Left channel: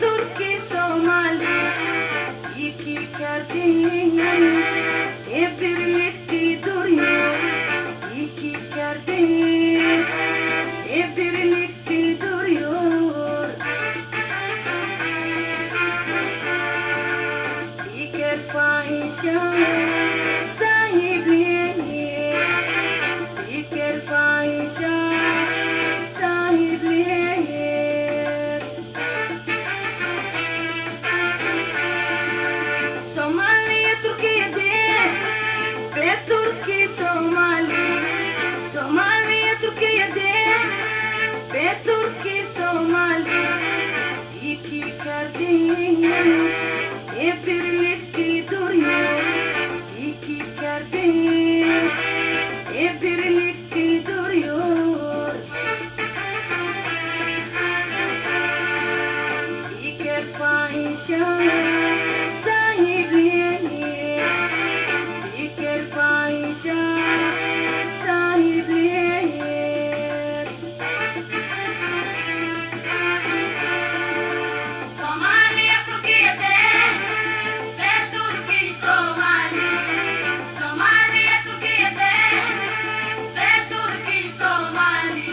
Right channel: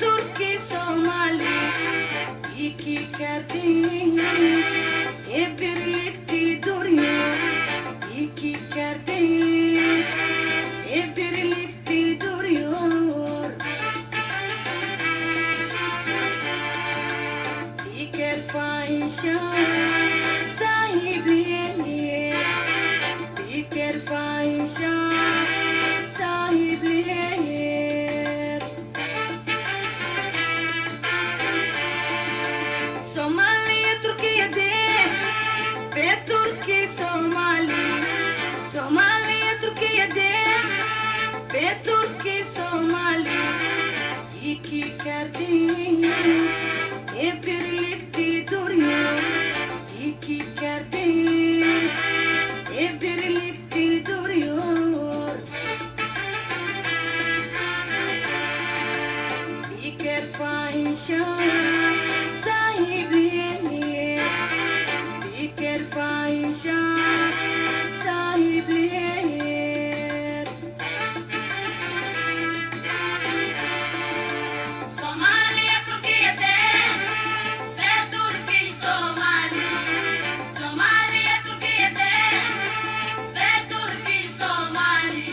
Turki Somali iki kardeş birlikte duruyor. İki kardeş birlikte duruyor. Diker fahişe sahibi, diker fahişe sahibi. Somali Türkiye'de ve Türkiye Somali. Somali Türkiye'de ve Türkiye Somali. İki kardeş birlikte duruyor. İki kardeş birlikte duruyor. Diker fahişe sahibi, diker fahişe sahibi. Somali Türkiye'de ve Türkiye Somali. Somali Türkiye'de ve Türkiye Somali.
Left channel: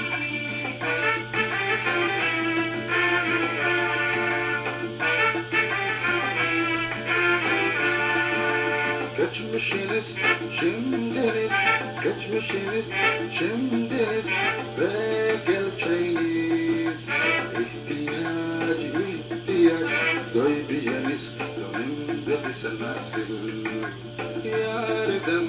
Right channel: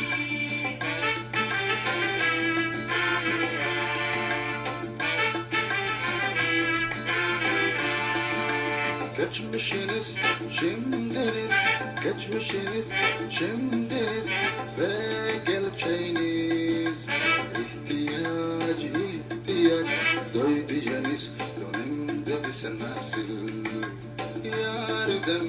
Geçmişiniz, şimdiniz, geçmişiniz, şimdiniz ve geleceğiniz. İhtiyaç duyabileceğiniz gönlümde bir sen nasıl yardım.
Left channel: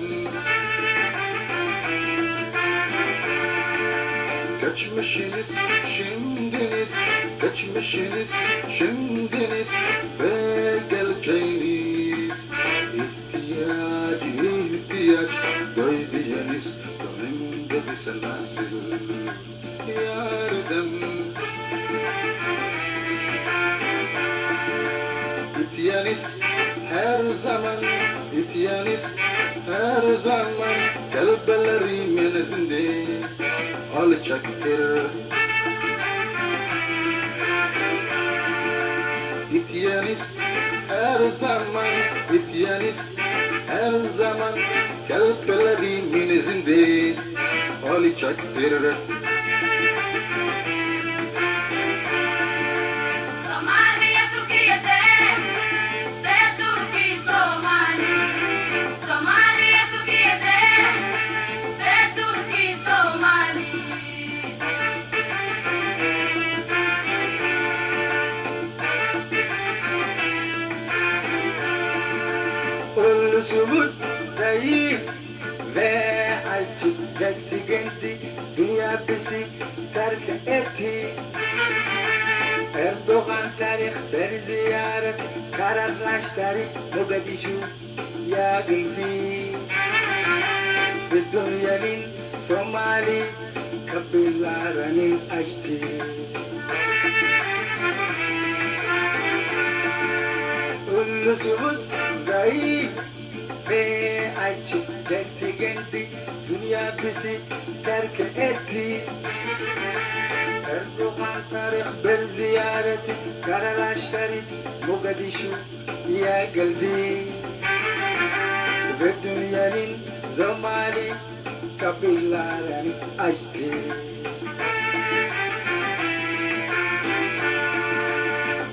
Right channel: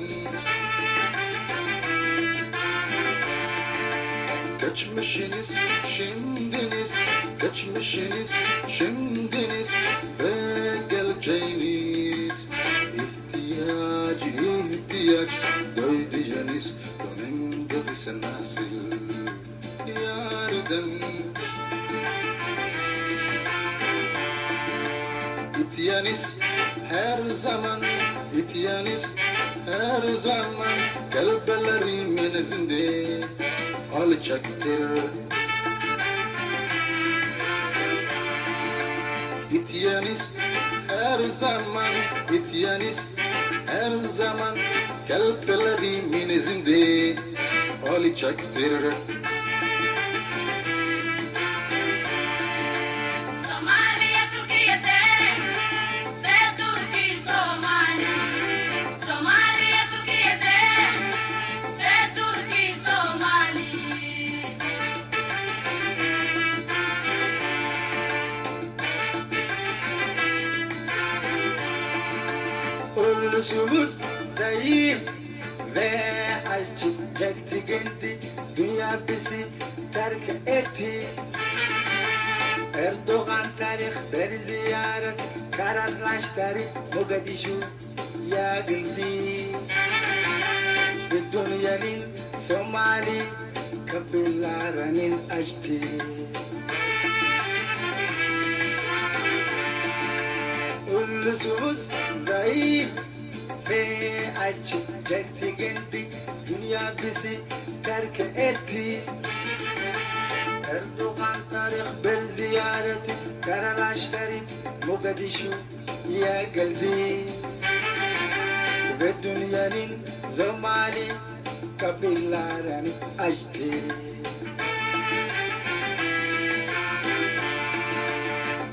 Geçmişiniz, şimdiniz, geçmişiniz, şimdiniz ve geleceğiniz. İhtiyaç duyabileceğiniz gönlümde bir sen nasıl yardım. İtiyaniz her zaman, itiyaniz her zaman kalplerimin izinde olacaktır. İtiyaniz her zaman, itiyaniz her zaman kalplerimin izinde olacaktır. Somali Türkiye'de ve Türkiye Somali. Somali Türkiye'de ve Türkiye Somali. Ulusumuz zayıf ve açık çekti, dünya bizi terk etti. Erdoğan tarih bir ziyaret kararlaştırıp Mogadishu'ya geldi. Ve dünyanın Somali kapılarını açtı. Ulusumuz zayıf ve açık çekti, dünya bizi terk etti. Erdoğan tarih bir ziyareti kararlaştırıp Mogadishu'ya geldi. Ve dünyanın Somali kapılarını açtı.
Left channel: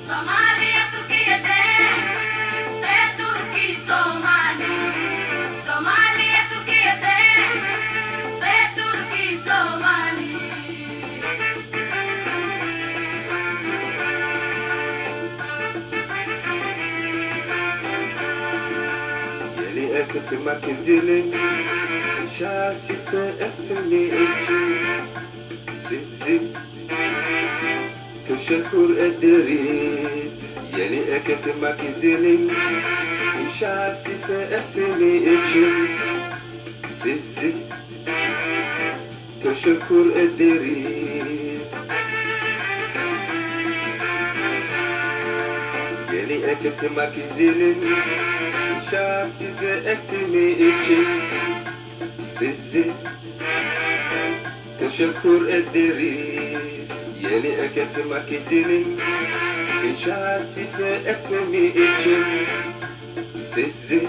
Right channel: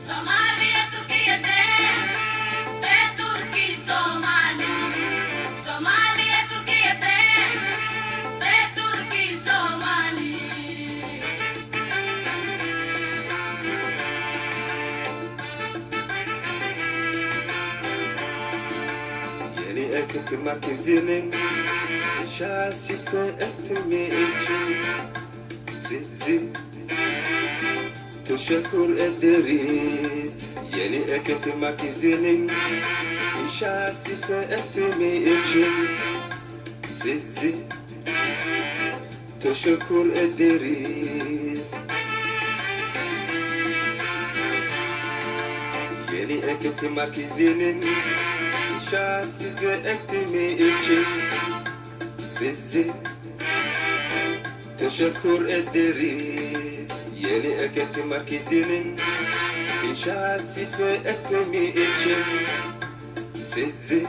Somali Türkiye'de ve Türkiye Somali. Somali Türkiye'de ve Türkiye Somali. Yeni ekmek izinin şasife etimi için sizi teşekkür ederiz. Yeni ekmek izinin şasife etimi için sizi teşekkür ederiz. Yeni ekmek izinin şasife etimi için sizi teşekkür ederiz. Yeni ekmek izinin şasife etmemi için sizi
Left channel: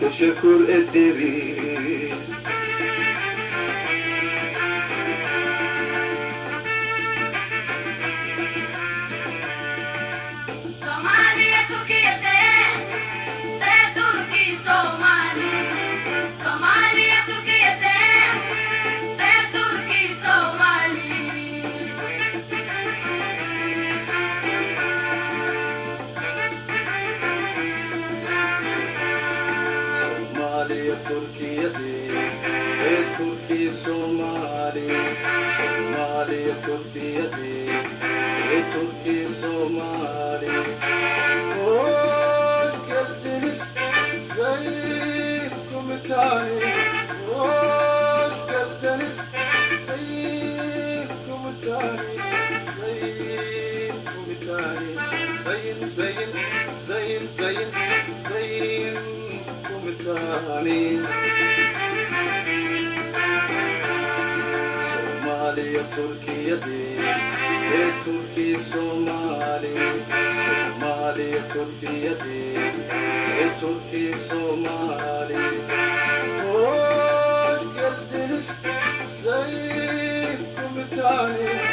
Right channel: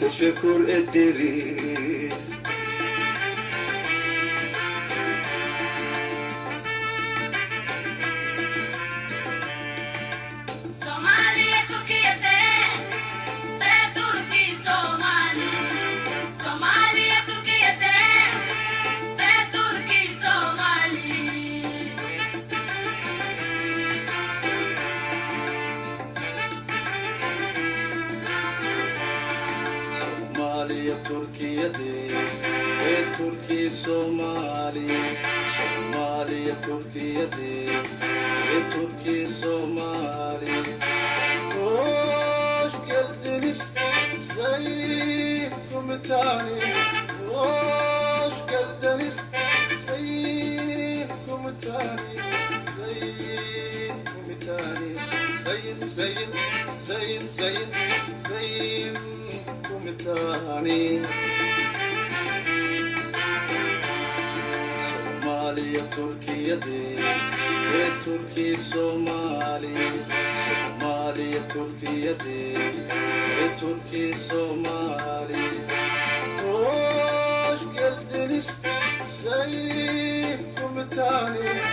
teşekkür ederiz. Somaliye Türkiye'de ve Türkiye Somali. Somaliye Türkiye'de ve Türkiye Somali. Somaliya Türkiye'de ve Türkiye Somali. Somaliya Türkiye'de ve Türkiye Somali. Hoş geldiniz Sayın Komutanım. Hoş geldiniz Sayın Komutanım. Sayın Komutanım. Sayın Komutanım. Somaliya Türkiye'de ve Türkiye Somali. Somaliya Türkiye'de ve Türkiye Somali. Hoş geldiniz Sayın Komutanım.